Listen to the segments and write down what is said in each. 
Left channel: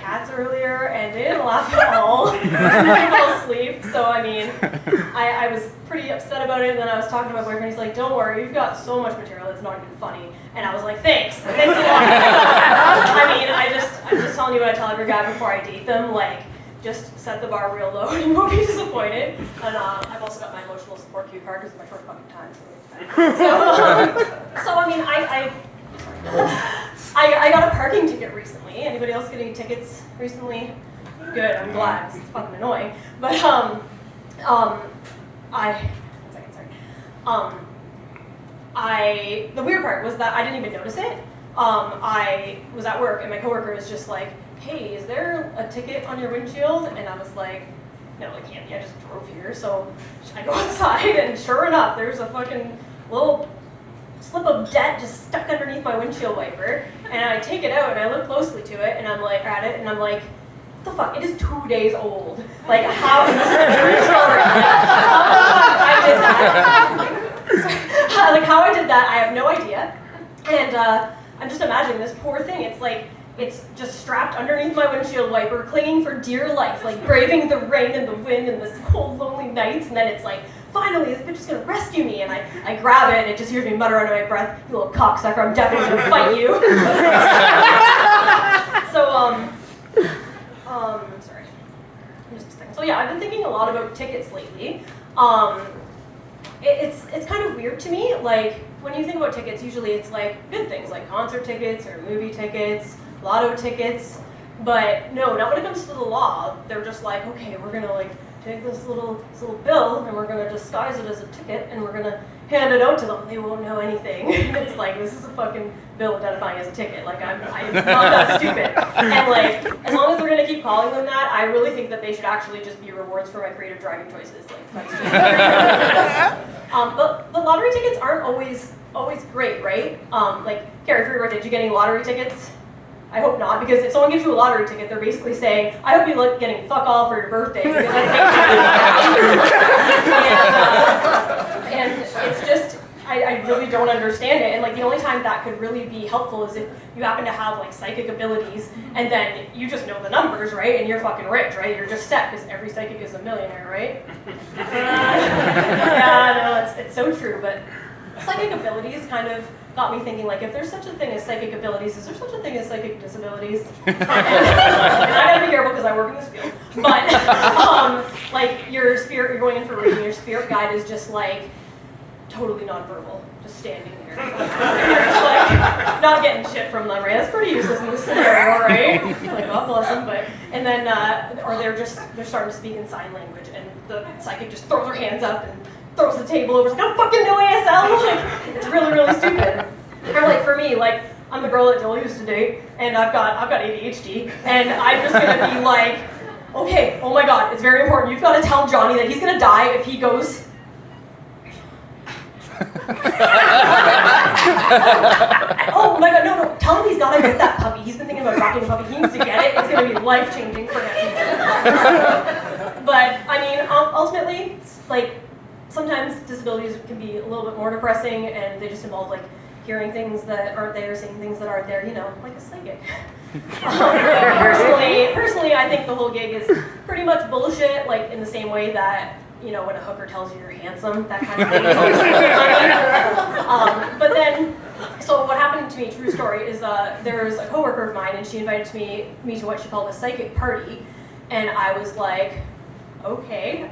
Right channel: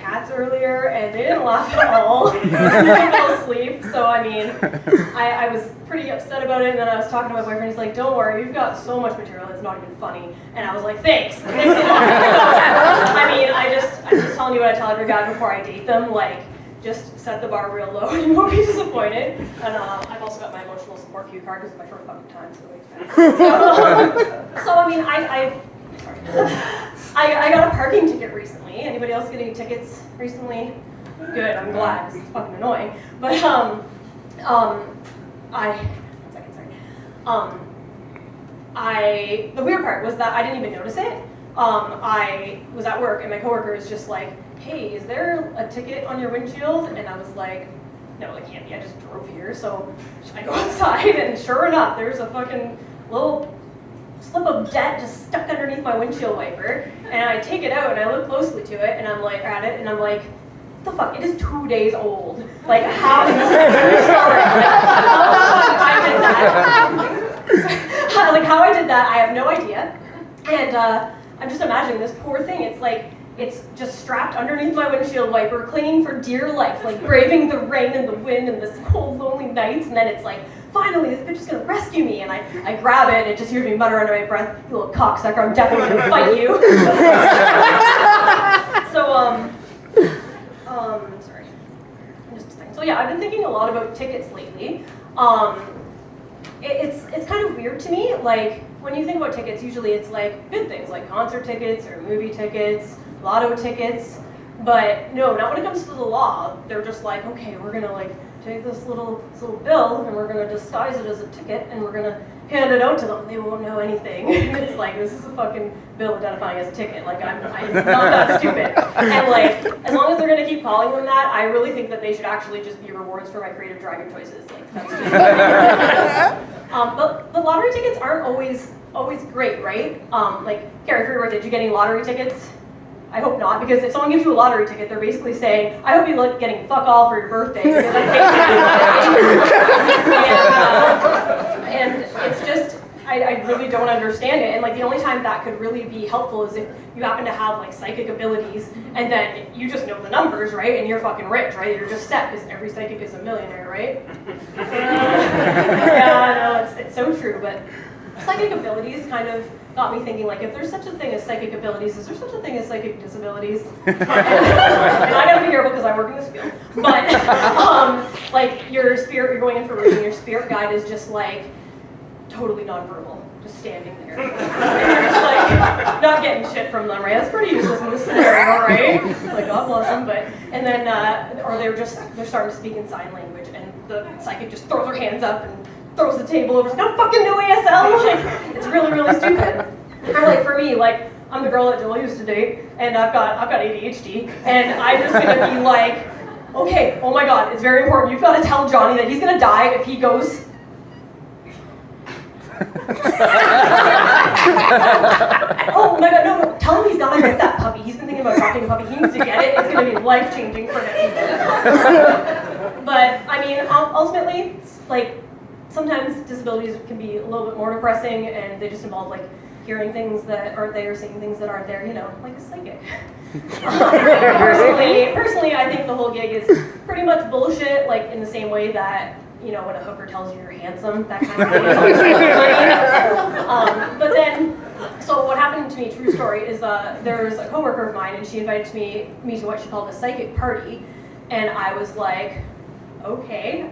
cats earlier, and they didn't laugh at all. They fell asleep, so I mean, I was pretty upset about it, and then I was talking to my boyfriend, he's like, don't worry, you've got so much material, it's not even funny. And I was like, thanks a lot. I mean, I'm just telling you what I tell every guy before I date them, like, just set the bar real low and you won't be disappointed. And I've also got my emotional support cue card because it's my short fucking time, so I mean, I got a parking ticket recently. Anybody else getting tickets recently? Good, I'm glad, because it's fucking annoying. But, the weird part was that I didn't even notice it. I was at work and my coworker is just like, hey, is there a ticket on your windshield? And I was like, no, it can't be, I just drove here. So I go outside and sure enough, there's a fucking little slip of debt just stuck underneath my windshield wiper. And I take it out and I look closely to it and I'm like, at it and I'm like, what the fuck, it is 2 days old. Like, how is this a true story? How the fuck I did that? Like, how I did that, I have no idea. And I'm just imagining this poor thing. It's like, it's just strapped underneath my windshield wiper, clinging for dear life, like braving the rain and the wind and this cold, lonely nights. And then it's like, finally, this bitch is gonna rescue me. And I grab it and it just hears me mutter under my breath, you little cocksucker, I'm definitely gonna fight you. Sorry. Just a second. So yeah, I've been thinking a lot about tickets lately. It's kind of weird to me, like, when you think about tickets, usually it's like good things, like concert tickets or movie tickets, lotto tickets, but no, not when it comes to the law. They're just like, okay, we're gonna like take this little bill and we're gonna disguise it as a ticket and we're gonna hand it out to them. They won't know anything. It's like, this is a fucking bill identifying as a ticket. Like, I'm not that stupid. And like, as long as they're gonna keep calling them that, I really think that they should actually just be rewards for my creative driving choices. Like, that's just but the lottery tickets aren't always great, right? Like, Carrie, for your birthday, did you get any lottery tickets? I hope not, because if someone gives you a lottery ticket, they're basically saying, I hope you like getting fuck all for your birthday, because I paid you. And it's just, I really don't understand it. And like, the only time that could really be helpful is if you happen to have like psychic abilities, and then you just know the numbers, right? And you're fucking rich, right? You're just set, because every psychic is a millionaire, right? Yeah, no, it's so true, but psychic abilities kind of got me thinking, like, if there's such a thing as psychic abilities, is there such a thing as psychic disabilities? And I gotta be careful because I work in this field. But, like, your spirit, you're going in for a reading, your spirit guide is just, like, totally nonverbal, just standing there. You're just, like, not getting shit from them, right? That's pretty useless in this scenario, right? Like, God bless them, but, and then, or they're starting to speak in sign language, and the psychic just throws her hands up and throws the table over, like, I don't fucking know ASL, like, it's really, really stupid. Or like, for me, like, I'm the girl that Jill used to date, and I've got ADHD, and I'm just gonna be like, okay, oh my god, it's very important, you've gotta tell Johnny that he's gonna die if he goes... Oh my god, no, tell him he's gotta get that puppy, he's been thinking about adopting a puppy, he needs to get it, it's gonna be life-changing for him. But, I mean, ultimately, like, sometimes disabilities can be a little bit more depressing, and they just involve like hearing things that aren't there, saying things that aren't there, you know, like a psychic. Personally, I think the whole gig is pretty much bullshit, like in the same way that, you know, when a hooker tells you you're handsome, that kind of thing. But then, so what happened to me, true story, is there's a coworker of mine, and she invited me to what she called a psychic party, and I was like, okay,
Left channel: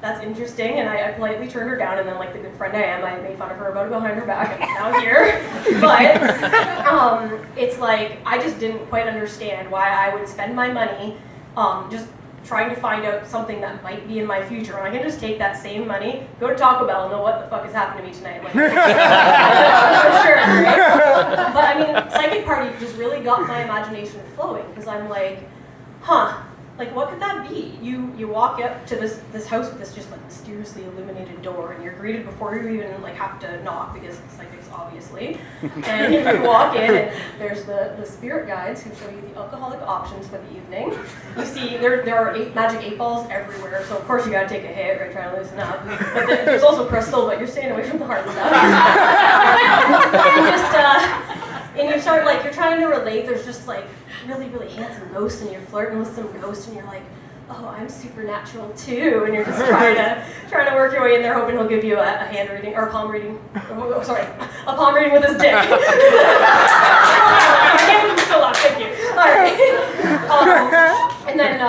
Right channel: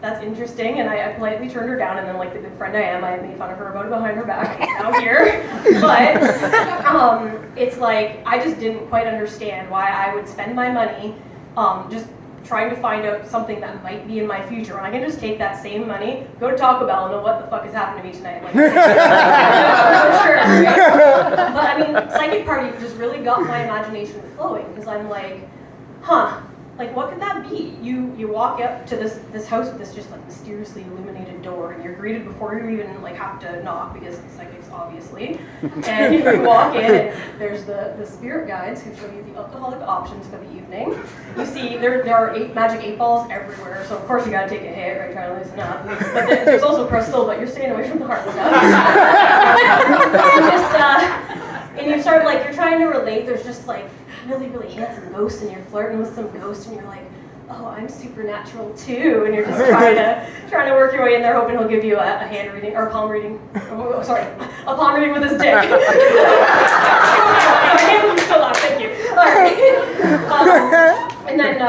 that's interesting, and I politely turned her down, and then like the good friend I am, I made fun of her about it behind her back, and now here. But it's like, I just didn't quite understand why I would spend my money just trying to find out something that might be in my future. And I can just take that same money, go to Taco Bell, and know what the fuck is happening to me tonight. Like, for sure, right? But I mean, psychic party just really got my imagination flowing, because I'm like, huh. Like, what could that be? You walk up to this house with this just like mysteriously illuminated door, and you're greeted before you even like have to knock, because it's psychics obviously. And you walk in, and there's the spirit guides who show you the alcoholic options for the evening. You see there are magic 8 balls everywhere, so of course you gotta take a hit, right? Try to loosen up. But there's also crystal, but you're staying away from the hard stuff. and you start like, you're trying to relate, there's just like really, really handsome ghosts, and you're flirting with some ghost, and you're like, oh, I'm supernatural too, and you're just trying to work your way in there, hoping he'll give you a hand reading, or a palm reading, a palm reading with his dick. I can't still laugh, thank you. All right. And then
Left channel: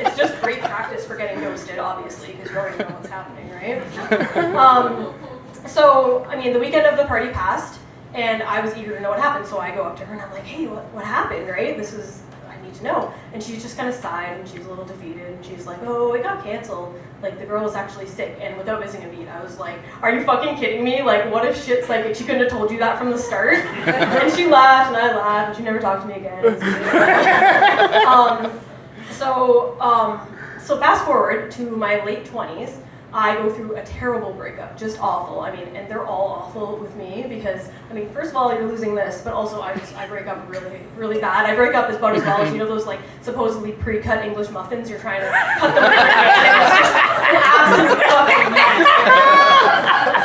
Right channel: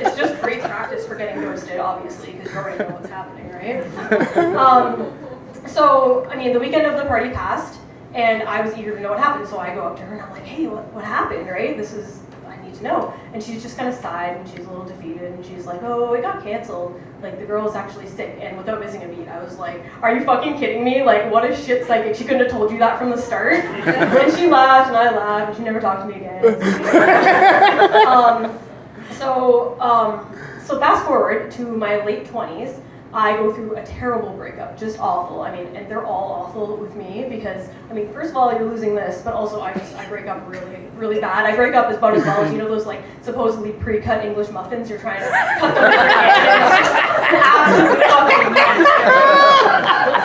it's just great practice for getting ghosted, obviously, because you already know what's happening, right? So, I mean, the weekend of the party passed, and I was eager to know what happened, so I go up to her and I'm like, hey, what happened, right? I need to know. And she just kind of sighed, and she's a little defeated, and she's like, oh, it got canceled. Like, the girl was actually sick, and without missing a beat, I was like, are you fucking kidding me? Like, what a shit psychic. She couldn't have told you that from the start. And she laughed, and I laughed, and she never talked to me again. So fast forward to my late 20s, I go through a terrible breakup, just awful. I mean, and they're all awful with me because, I mean, first of all, you're losing this, but also I break up really, really bad. I break up about as well as, you know, those like supposedly pre-cut English muffins, you're trying to cut them different ways, and it's just an absolute fucking mess.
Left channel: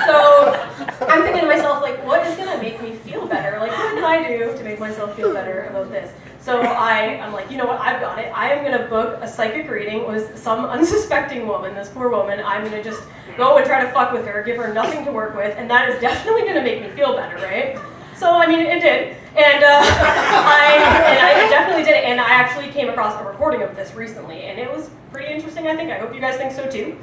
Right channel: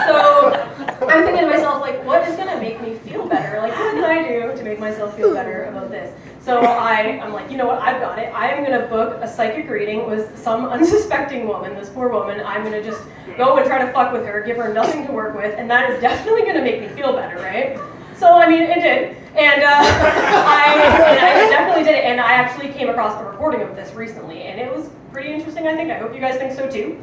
So I'm thinking to myself, like, what is gonna make me feel better? Like, what can I do to make myself feel better about this? So I'm like, you know what, I've got it. I am gonna book a psychic reading with some unsuspecting woman, this poor woman. I'm gonna just go and try to fuck with her, give her nothing to work with, and that is definitely gonna make me feel better, right? So, I mean, it did. And I definitely did it, and I actually came across a recording of this recently, and it was pretty interesting, I think. I hope you guys think so too.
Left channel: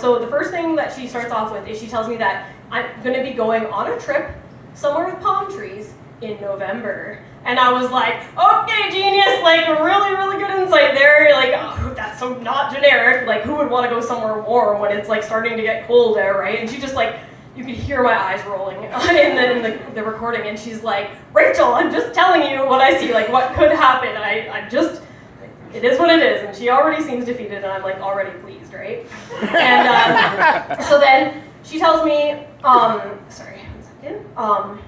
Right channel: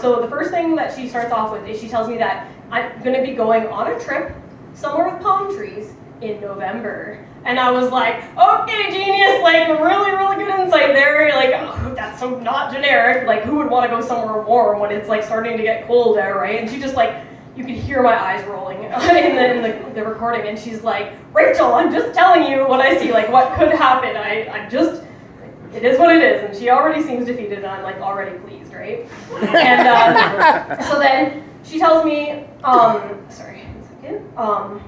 So the first thing that she starts off with is she tells me that I'm gonna be going on a trip somewhere with palm trees in November. And I was like, okay, genius, like really, really good insight there. Like, oh, that's so not generic. Like, who would want to go somewhere warm when it's like starting to get cold there, right? And she just like, you could hear my eyes rolling in the recording. And she's like, Rachel, I'm just telling you what I see, like what could happen. It is what it is. And she already seems defeated, and I'm like already pleased, right? And so then she tells me, sorry, 1 second.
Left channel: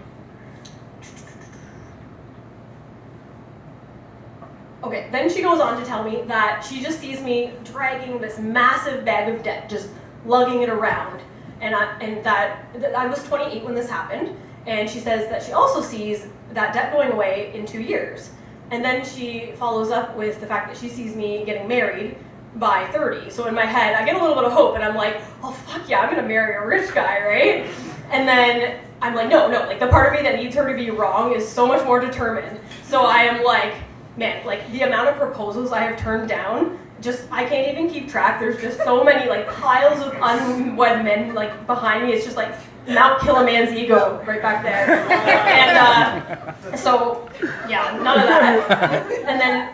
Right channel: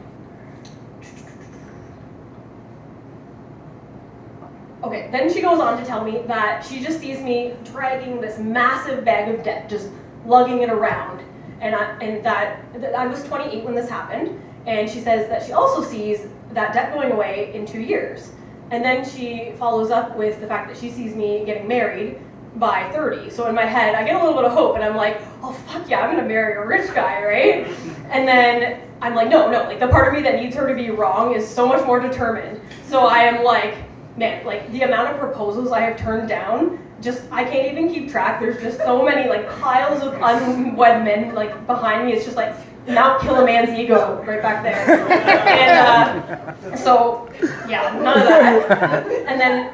Okay, then she goes on to tell me that she just sees me dragging this massive bag of debt, just lugging it around. And that I was 28 when this happened, and she says that she also sees that debt going away in 2 years. And then she follows up with the fact that she sees me getting married by 30. So in my head, I get a little bit of hope, and I'm like, oh fuck yeah, I'm gonna marry a rich guy, right? And then I'm like, no, like the part of me that needs her to be wrong is so much more determined. So I am like, man, like the amount of proposals I have turned down, just, I can't even keep track. There's just so many like piles of unwed men like behind me. It's just like Mount Kiliman's ego right back there. And so, yeah, none of that. And then,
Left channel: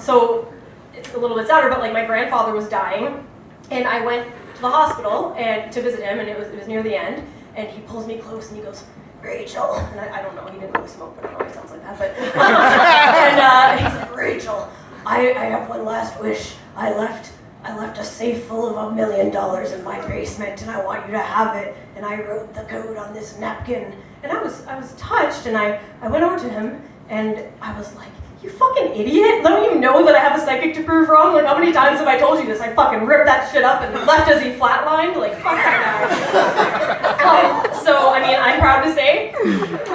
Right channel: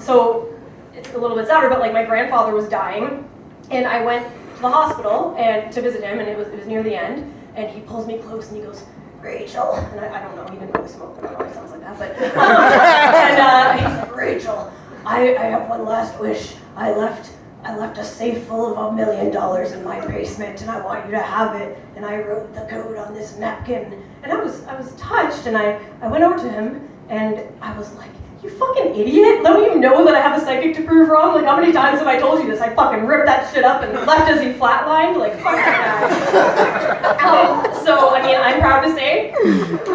so it's a little bit sadder, but like my grandfather was dying, and I went to the hospital and to visit him, and it was near the end, and he pulls me close and he goes, Rachel, and I don't know, he didn't really smoke, but I don't know, he sounds like that, but, and he's like, Rachel, I have one last wish. I left a safe full of $1 million in my basement, and I want you to have it, and I wrote the code on this napkin, and I was touched, and I went over to him, and I was like, you fucking idiot, don't you know that I have a psychic to prove wrong? Like, how many times have I told you this? I fucking ripped that shit up and left as he flatlined, like, fuck that guy. So, I mean, I'm proud to say,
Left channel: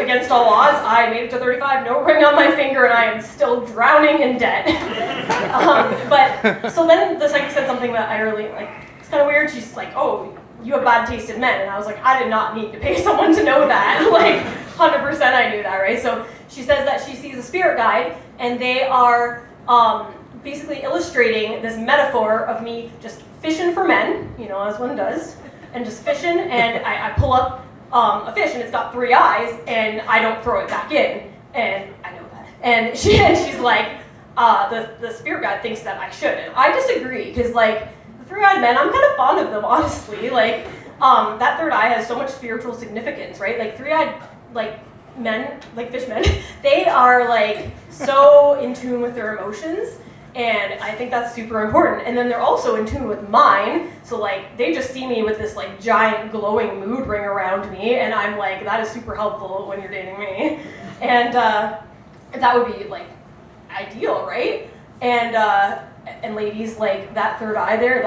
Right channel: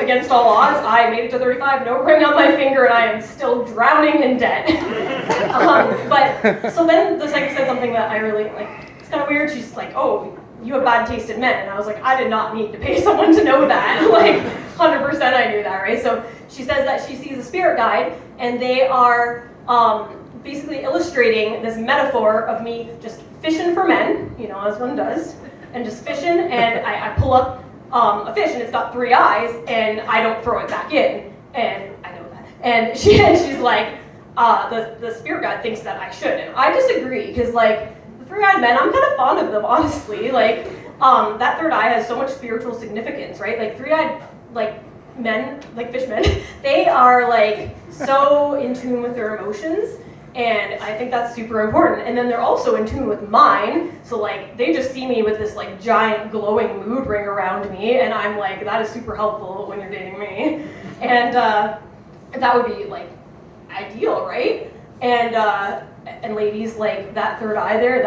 against all odds, I made it to 35, no ring on my finger, and I am still drowning in debt. But, so then the psychic said something that I really, like, it's kind of weird. She's like, oh, you have bad taste in men. And I was like, I did not need to pay someone to know that. Like, 100% I knew that, right? So she says that she sees a spirit guide, and they are basically illustrating this metaphor of me just fishing for men, you know, as one does, and just fishing, and I pull up a fish, and it's got 3 eyes, and I don't throw it back in, and I know that. And she's like, the spirit guide thinks that I should, and I disagree, because like, the 3-eyed men, I'm kind of fond of them, honestly. Like, that third eye has so much spiritual significance, right? Like, 3-eyed, like, men, like fish men, they are like so in tune with their emotions, and I think that's super important. And then they're also in tune with mine, so like they just see me with this like giant glowing mood ring around me, and I'm like, that is super helpful when you're dating me. And that would be like ideal, right? And ladies, like that third eye there,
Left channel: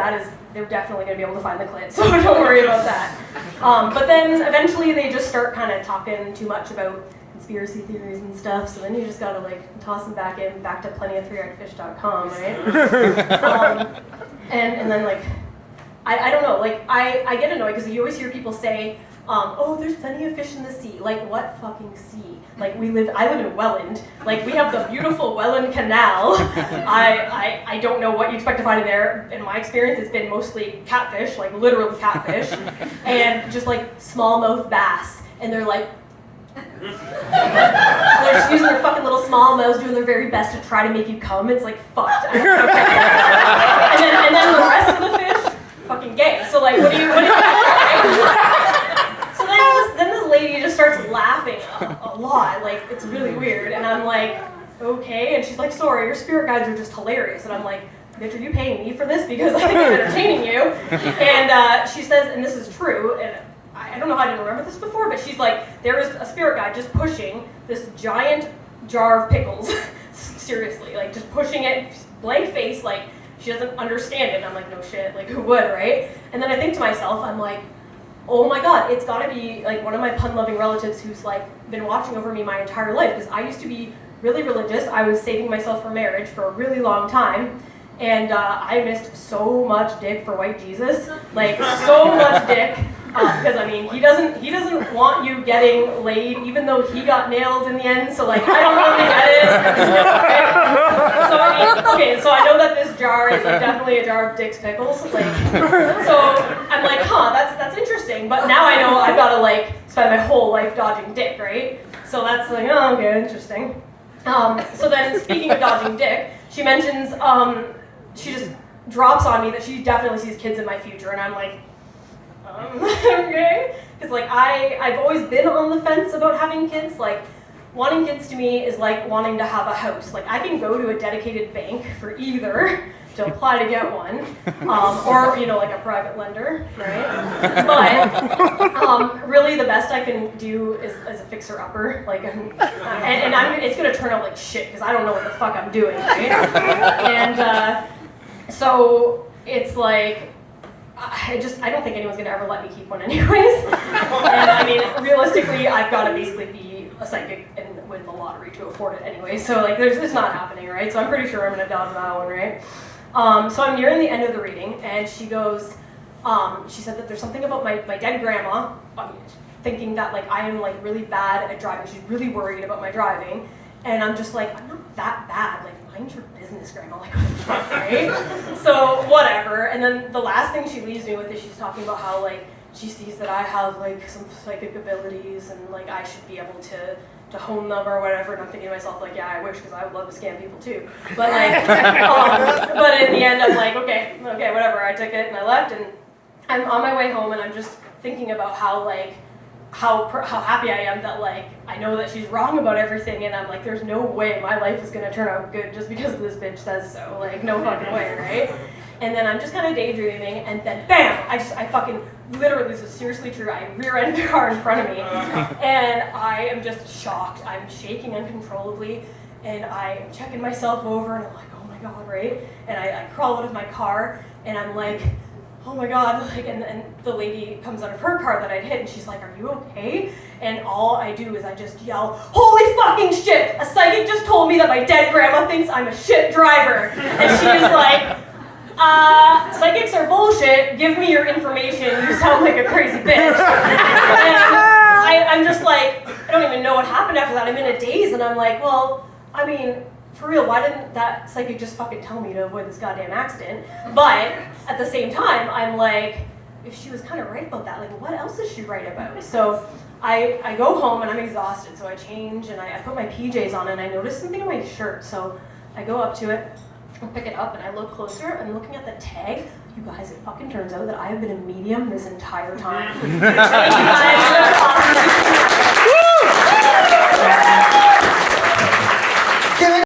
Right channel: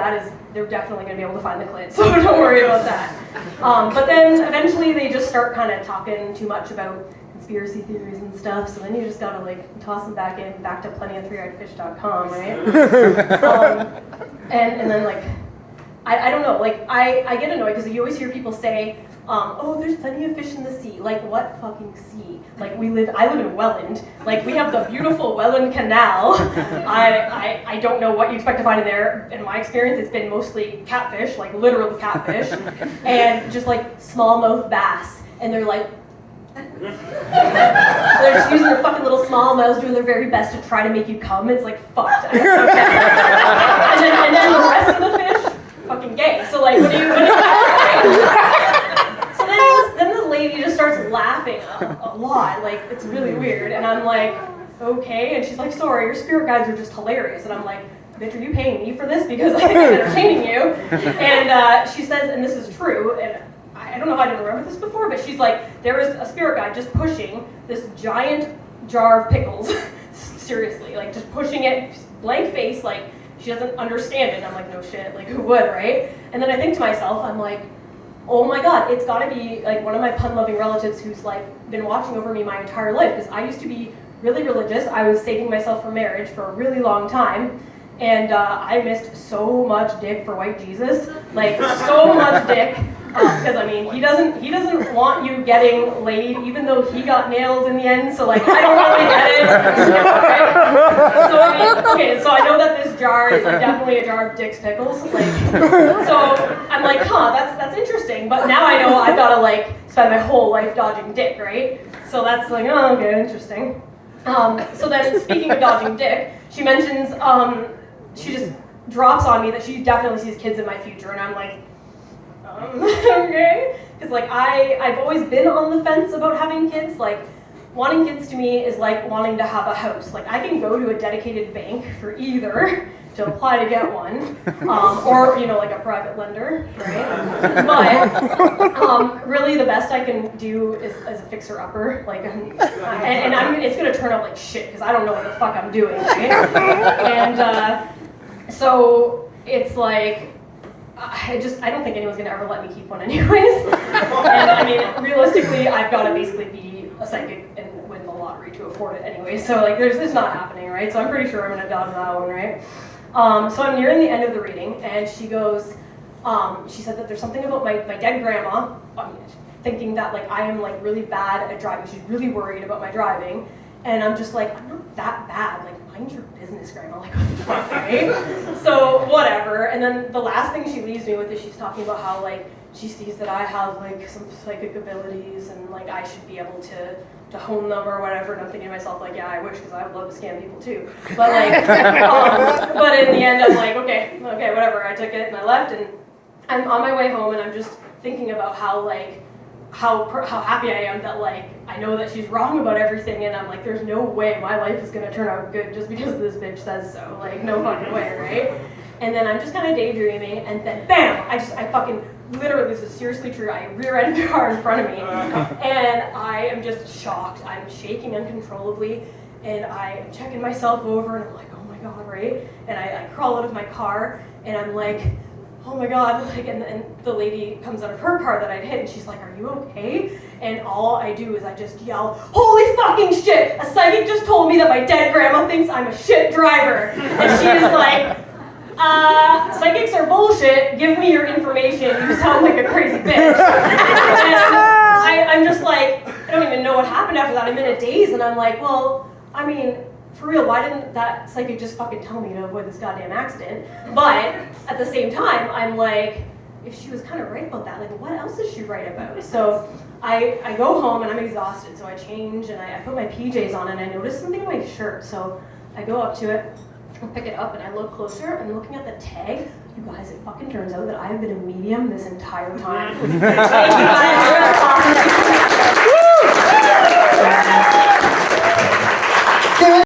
they're definitely gonna be able to find the clit, so don't worry about that. But then eventually they just start kind of talking too much about conspiracy theories and stuff, so then you just gotta like toss them back to plentyofthreeeyedfish.com, right? And then like, I don't know, like I get annoyed because you always hear people say, oh, there's plenty of fish in the sea. Like, what fucking sea? Like, I live in Welland. Like, we have the beautiful Welland Canal. I don't know what you expect to find in there. In my experience, it's been mostly catfish, like literal catfish, and just like smallmouth bass. And they're like, they're just using their fucking little small mouths, doing their very best to try to make you come. It's like, fucked. Okay. And then the rest of the fish, fucking gay. So like, what do you So then this lady just starts laughing a lot, like it's really weird, and I'm like, okay, and she's like, sorry, your spirit guides are just hilarious, and I'm like, bitch, are you paying me for this? Because I think I'm entertaining you. And she says, and this is true, and I don't know how I didn't remember this before, but she's like, there is a spirit guide just pushing this giant jar of pickles, seriously, like just pushing it, blank face, like she doesn't understand it, and I'm like, no shit, like who would, right? And then I think to myself, I'm like, oh my god, it's gotta be like one of my pun-loving relatives who's like been watching over me my entire life, because I used to be really religious. I was saving myself for marriage for a really long time, and I missed so much dick for white Jesus, like so much dick, because I mean he doesn't want you getting laid, even though he got nailed in the end. So like I don't really get it. So I mean, okay, so I know that this jar is like definitely a jar of Dick's pickles, like so I'm like, huh, that's interesting. But now I know I've got to like spend my whole life dodging dick, right? So that's like, oh, okay, interesting. So then speaking of dodging dick, she mentions she just drops on me that she definitely sees kids in my future, and I'm like, okay, because like I've always been on the fence about having kids. Like wanting kids to me is like wanting to have a house. Like I can go to a dedicated bank for either to apply to get one, or you know, like a private lender, right? But really the best I can do is as a fixer-upper, like, and it's gonna turn out like shit because I don't know what the fuck I'm doing, right? And so it's like, I don't think anyone's gonna ever let me keep one anyways. And I mean, realistically, I've got to basically be a psychic and win the lottery to afford it anyway. So like, it's not happening, right? So I'm pretty sure I'm gonna dodge that one, right? So I'm nearing the end of the reading, and she goes, she said that there's something about my dead grandma, thinking that like I am like really bad at driving. She's really worried about my driving, and I'm just like, I'm not that bad. Like, mind your business, grandma. Like, what the fuck, right? So whatever. And then the last thing she leaves me with is she's talking about how like she sees that I have like some psychic abilities, and like I should be able to hone them or whatever. And I'm thinking to myself like, yeah, I wish, because I would love to scam people too. But like, but in the end, I'm like, okay, whatever. I took it and I left, and I'm on my way home, and I'm just thinking about how like how happy I am that like I know that she's wrong about everything, and I'm like, there's no way my life is gonna turn out good just because this bitch says so. Like, no fucking way, right? And then I'm just kind of daydreaming, and then bam! I fucking literally, this is seriously true. I rear-ended a car in front of me, and I am just shocked. I'm shaking uncontrollably, and I'm checking myself over, and I'm like, oh my god, right? And I crawl out of my car, and I'm like, oh my god, like, and the lady comes out of her car that I'd hit, and she's like, are you okay? And all I do is I just yell, holy fucking shit! A psychic just told me that my dead grandma thinks I'm a shit driver. And she is like, psychics are bullshit, give me your information, you sound like a crazy bitch. And I'm just like, I don't even know what happened after that. I'm in a daze, and I'm like, well, I mean, for real, why didn't that psychic just fucking tell me to avoid this goddamn accident? But at the same time, I'm like, if she was kind of right about that, like, what else is she right about? So I go home, and I'm exhausted, so I change, and I put my PJs on, and I notice something on my shirt. So I go up to it, I pick it up, and I look closer, and looking at the tag, you guys, it fucking turns out that I have been a medium this entire time. Thank you guys.